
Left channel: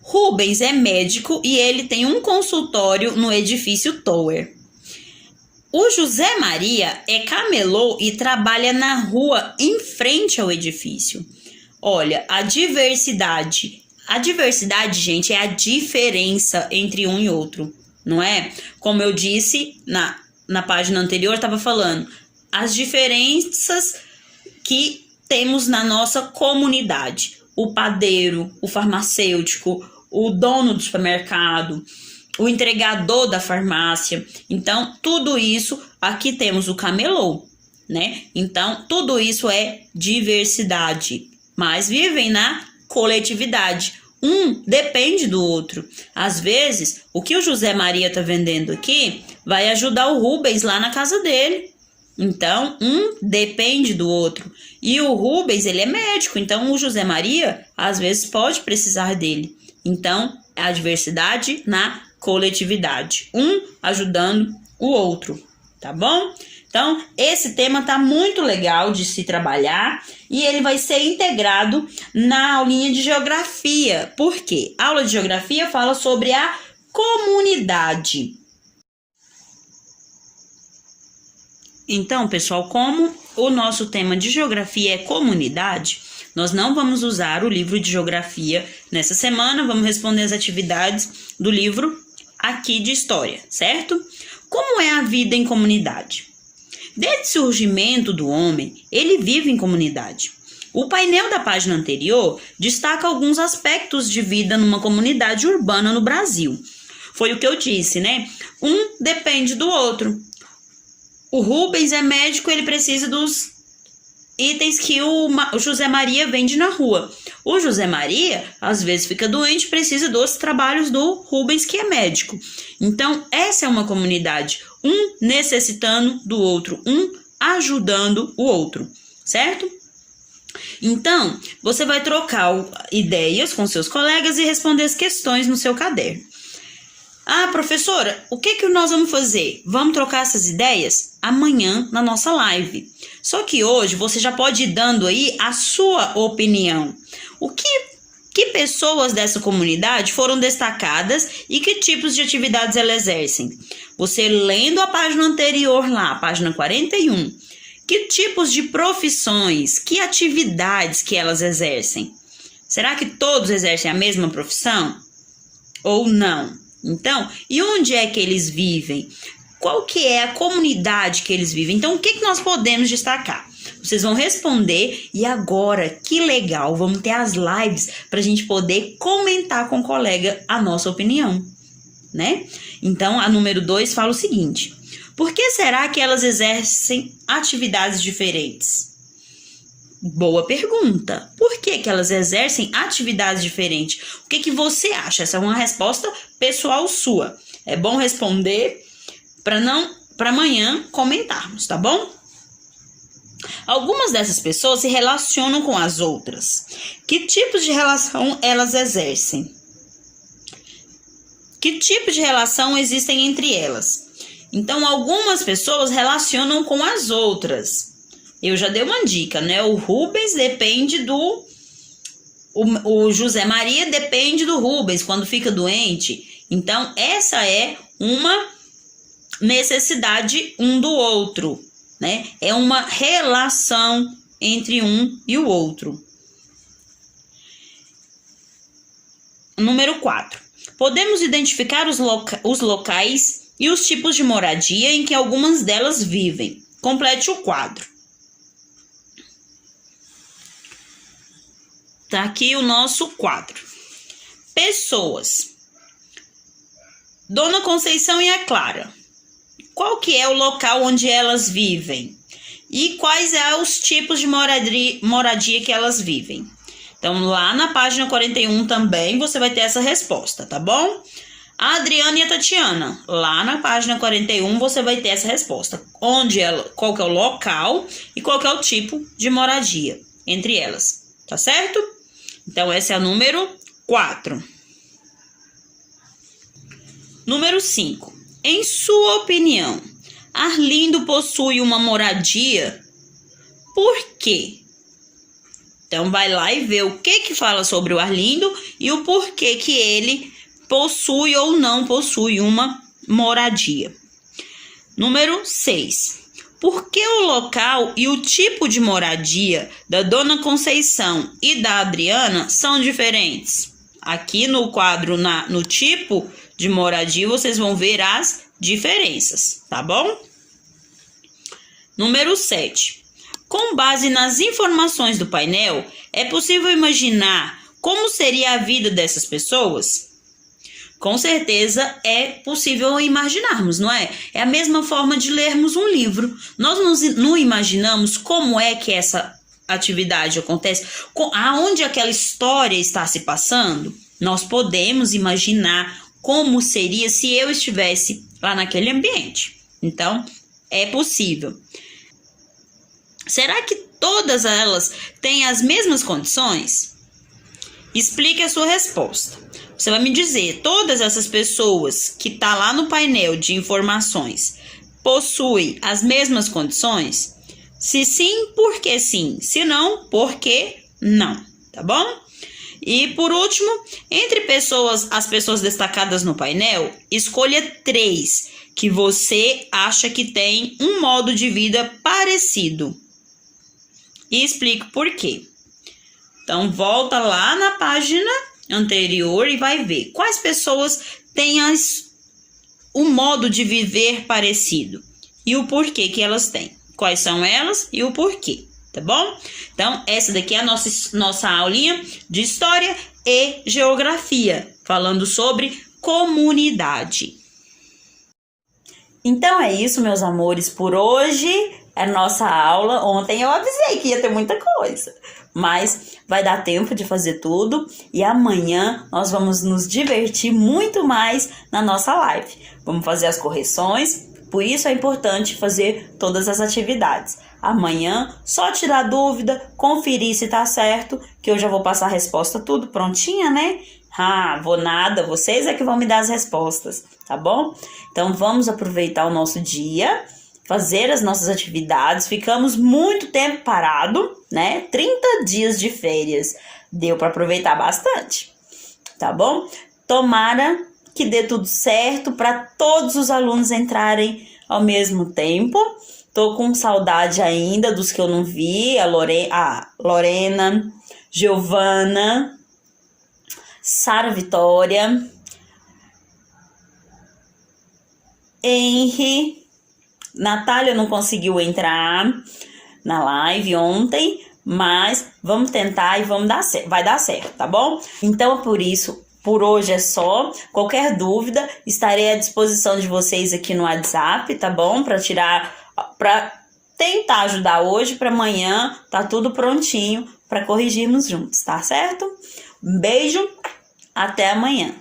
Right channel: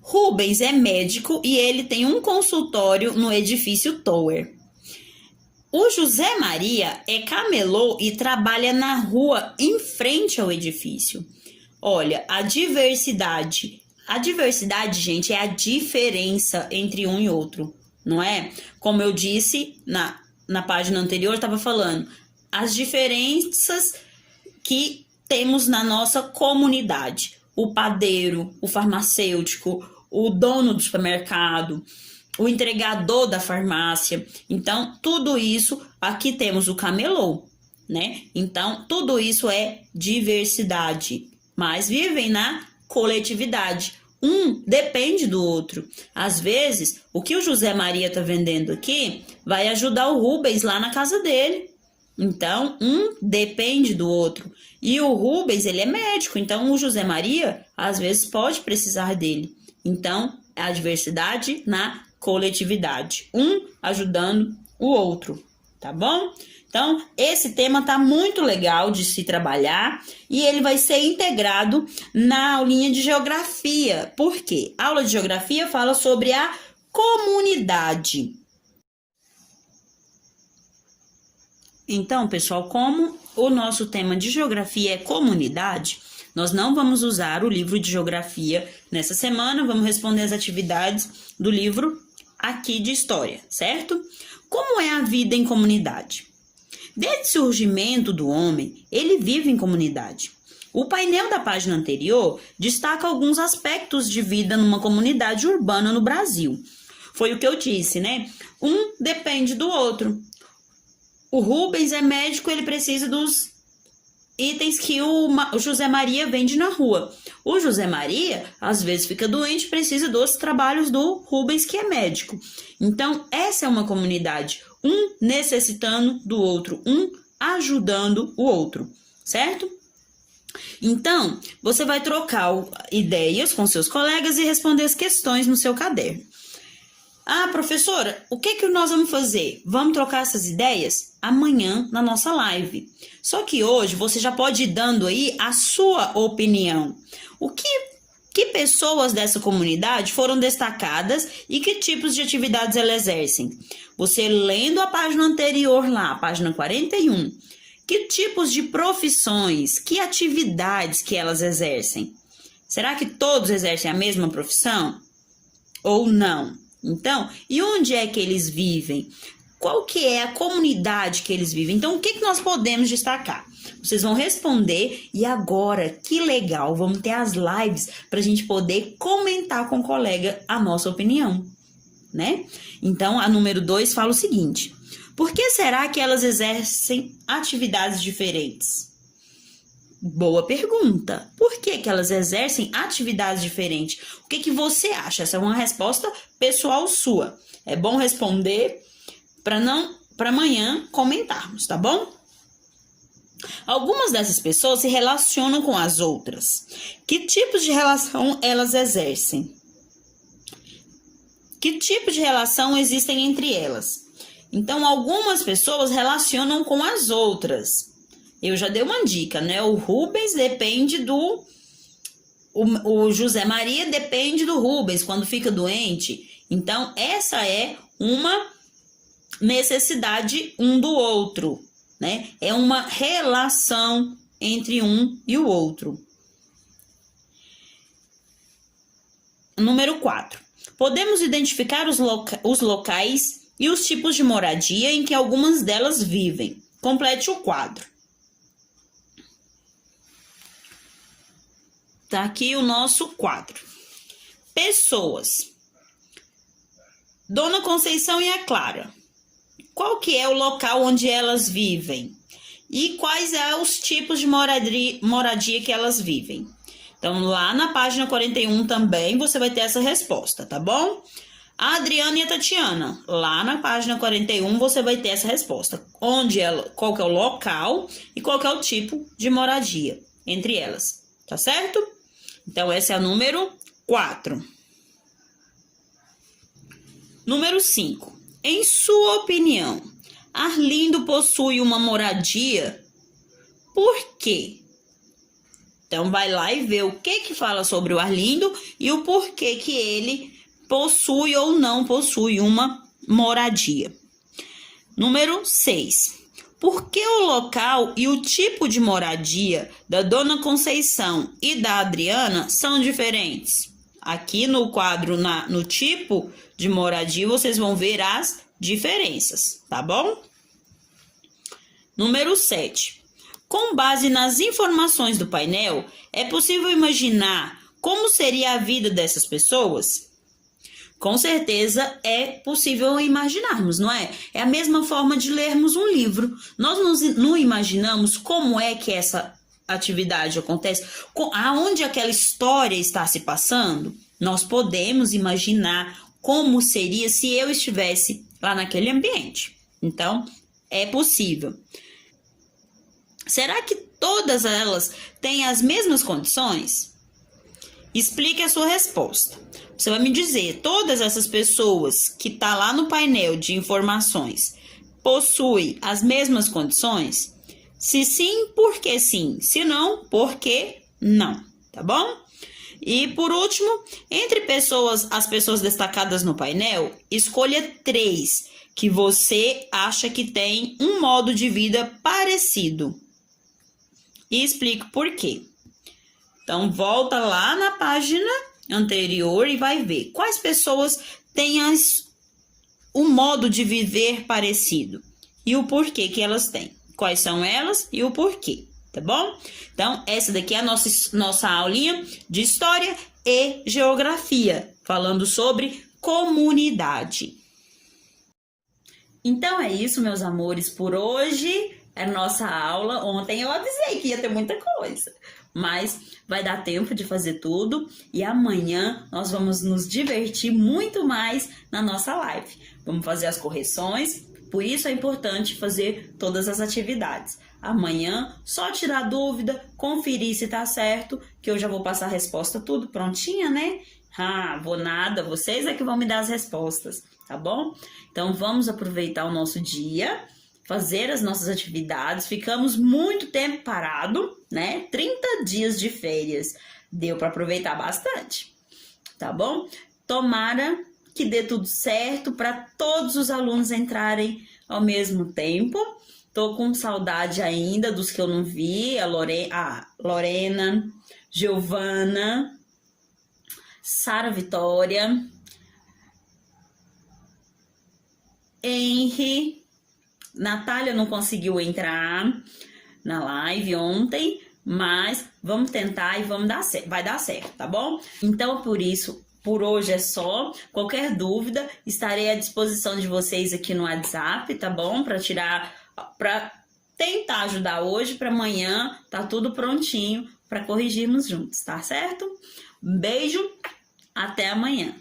Rubens é médico e ele tem um consultório no edifício Tower. O José Maria é camelô e trabalha na rua em frente ao edifício. Olha, a diversidade, gente, é a diferença entre um e outro, não é? Como eu disse na página anterior, eu estava falando, as diferenças que temos na nossa comunidade. O padeiro, o farmacêutico, o dono do supermercado, o entregador da farmácia. Então, tudo isso, aqui temos o camelô, né? Então, tudo isso é diversidade, mas vivem na coletividade. Um depende do outro. Às vezes, o que o José Maria está vendendo aqui vai ajudar o Rubens lá na casa dele. Então, um depende do outro. E o Rubens, ele é médico, então o José Maria, às vezes, pode precisar dele. Então, é a diversidade na coletividade. Um ajudando o outro, tá bom? Então, esse tema tá muito legal de se trabalhar e ele vai ser integrado na aulinha de geografia. Por quê? A aula de geografia fala sobre a comunidade. Então, pessoal, como o nosso tema de geografia é comunidade, nós não vamos usar o livro de geografia nessa semana, vamos responder as atividades do livro aqui de história, certo? Como é a vida em comunidade? Desde o surgimento do homem, ele vive em comunidade. O painel da página anterior destaca alguns aspectos de vida numa comunidade urbana no Brasil. Foi o que eu disse, né? Um depende do outro. O Rubens é médico, ele precisa dos itens que o José Maria vende na rua. O José Maria, às vezes, fica doente, precisa dos trabalhos do Rubens, que é médico. Então, essa é uma comunidade. Um necessitando do outro, um ajudando o outro, certo? Então, você vai trocar ideias com seus colegas e responder as questões no seu caderno. Ah, professora, o que nós vamos fazer? Vamos trocar essas ideias amanhã na nossa live. Só que hoje você já pode ir dando aí a sua opinião. Que pessoas dessa comunidade foram destacadas e que tipos de atividades elas exercem? Você lendo a página anterior lá, a página 41, que tipos de profissões, que atividades que elas exercem? Será que todos exercem a mesma profissão? Ou não? Então, e onde é que eles vivem? Qual que é a comunidade que eles vivem? Então, o que nós podemos destacar? Vocês vão responder e agora, que legal, vamos ter as lives para a gente poder comentar com o colega a nossa opinião, né? Então, a número 2 fala o seguinte: por que será que elas exercem atividades diferentes? Boa pergunta. Por que elas exercem atividades diferentes? O que você acha? Essa é uma resposta pessoal sua. É bom responder para amanhã comentarmos, tá bom? Algumas dessas pessoas se relacionam com as outras. Que tipos de relação elas exercem? Que tipo de relação existem entre elas? Então, algumas pessoas relacionam com as outras. Eu já dei uma dica, né? O Rubens depende do... O José Maria depende do Rubens quando fica doente. Então, essa é uma necessidade um do outro, né? É uma relação entre um e o outro. Número 4. Podemos identificar os locais e os tipos de moradia em que algumas delas vivem. Complete o quadro. Tá aqui o nosso quadro. Pessoas. Dona Conceição e a Clara. Qual que é o local onde elas vivem? E quais são os tipos de moradia que elas vivem? Então, lá na página 41 também você vai ter essa resposta, tá bom? A Adriana e a Tatiana. Lá na página 41 você vai ter essa resposta. Qual que é o local e qual que é o tipo de moradia entre elas, tá certo? Então, essa é a número 4. Número 5. Em sua opinião, Arlindo possui uma moradia? Por quê? Então, vai lá e vê o que fala sobre o Arlindo e o porquê que ele possui ou não possui uma moradia. Número 6. Por que o local e o tipo de moradia da Dona Conceição e da Adriana são diferentes? Aqui no quadro, no tipo de moradia, vocês vão ver as diferenças, tá bom? Número 7. Com base nas informações do painel, é possível imaginar como seria a vida dessas pessoas? Com certeza é possível imaginarmos, não é? É a mesma forma de lermos um livro. Nós não imaginamos como é que essa atividade acontece, aonde aquela história está se passando. Nós podemos imaginar como seria se eu estivesse lá naquele ambiente. Então, é possível. Será que todas elas têm as mesmas condições? Explique a sua resposta. Você vai me dizer, todas essas pessoas que estão lá no painel de informações possuem as mesmas condições? Se sim, por que sim? Se não, por que não? Tá bom? E por último, entre as pessoas destacadas no painel, escolha 3 que você acha que tem um modo de vida parecido. E explique por quê. Então, volta lá na página anterior e vai ver quais pessoas têm um modo de viver parecido e o porquê que elas têm. Quais são elas e o porquê, tá bom? Então, essa daqui é a nossa aulinha de História e Geografia, falando sobre comunidade. Então é isso, meus amores, por hoje é nossa aula. Ontem eu avisei que ia ter muita coisa, mas vai dar tempo de fazer tudo e amanhã nós vamos nos divertir muito mais na nossa live. Vamos fazer as correções, por isso é importante fazer todas as atividades. Amanhã, só tirar dúvida, conferir se tá certo, que eu já vou passar a resposta tudo prontinha, né? Vou nada, vocês é que vão me dar as respostas, tá bom? Então, vamos aproveitar o nosso dia, fazer as nossas atividades. Ficamos muito tempo parado, né? 30 dias de férias. Deu para aproveitar bastante, tá bom? Tomara que dê tudo certo para todos os alunos entrarem ao mesmo tempo. Tô com saudade ainda dos que eu não vi, a Lorena, Giovana, Sara Vitória, Henry, Natália não conseguiu entrar na live ontem, mas vamos tentar e vai dar certo, tá bom? Então, por isso, por hoje é só. Qualquer dúvida, estarei à disposição de vocês aqui no WhatsApp, tá bom? Para tentar ajudar hoje, para amanhã tá tudo prontinho para corrigirmos juntos, tá certo? Um beijo, até amanhã.